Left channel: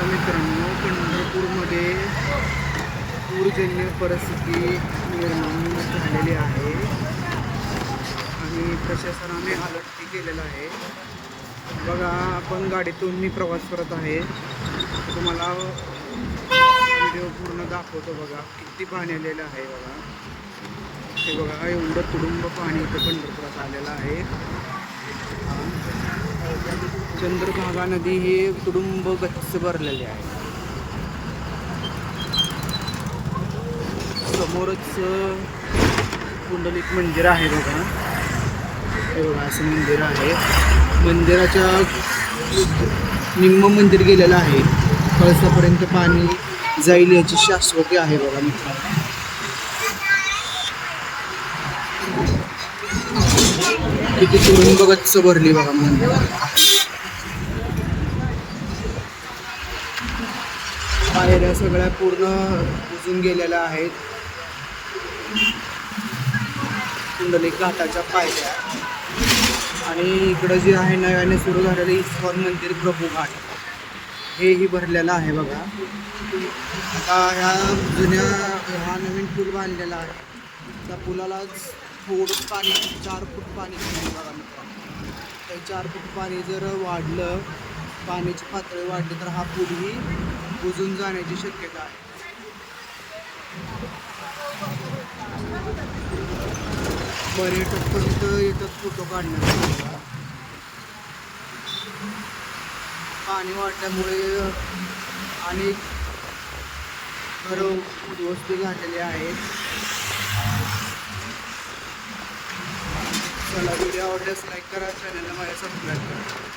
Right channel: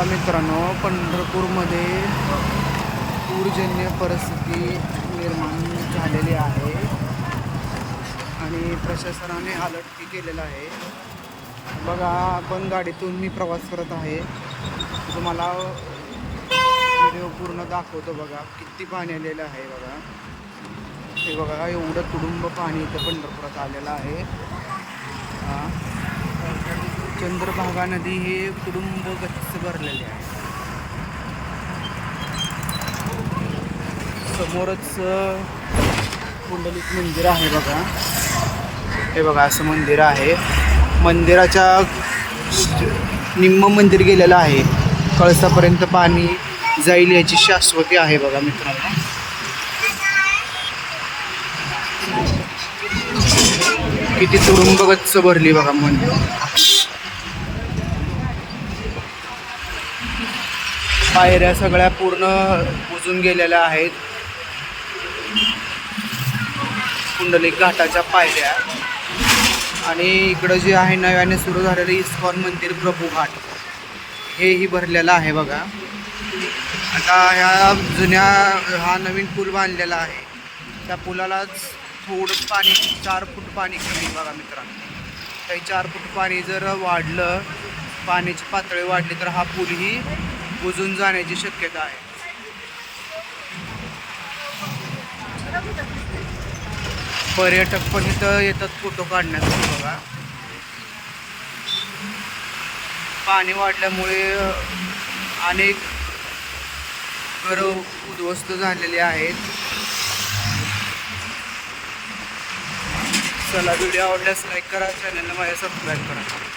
बघा मित्रांनो पंढरपूरमध्ये पूरजन्य परिस्थिती निर्माण झालेली आहे. आणि प्रशासनाने अलर्टही केलेला आहे. बघा आपण गाडीतून मी प्रवास करत आहे. तुम्हाला व्हिडिओ पूर्ण दाखवतो बघा. किती पाणी आलेलं आहे बघा. हे बघा एवढं तुडुंब पाणी इथं पंढरपुरात आलेलं आहे. हां. चंद्रभागा नदी हे तुडुंब गच्च भरलेले आहे. समोरच पुंडलिक मंदिर आहे बघा. हे बघा असं मंदिर आहे. मंदिराच्या निम्म मंदिर गेलेलं आहे. कळसापर्यंत पाणी जाईल याची शाश्वती आहे बघा मित्रांनो. किती तुडुंब गच्च भरली बघा मंदिर. पायऱ्या सगळ्या पूर्ण बुजून गेलेल्या आहेत. कुंडलिक घाटाच्या पायऱ्या. आणि इकडं जे आहे नव्याने सुरू झालेलं इस्कॉन मंदिर प्रभू घाट. हेही भरलेलं आहे बघा. आता ह्या जुन्या हा नवीन पूल बांधलेला आहे. त्या पुलाला थोडं पाणी चार फूट पाणी कमी आहे बघा मित्रांनो. काही चार फूट पाणी जर वाढलं पाण्याची पातळी वाढली तर हा पूलही बुजून जाण्याची शक्यता आहे. पर्यटक पण इथं येतात फोटो काढण्यासाठी बघा. पाणी वाढल्यामुळे अनेक घरं उद्ध्वस्त झालेली आहेत. चला व्हिडिओ आवडल्यास लाईक करा चॅनलला माझ्या सबस्क्राईब करा.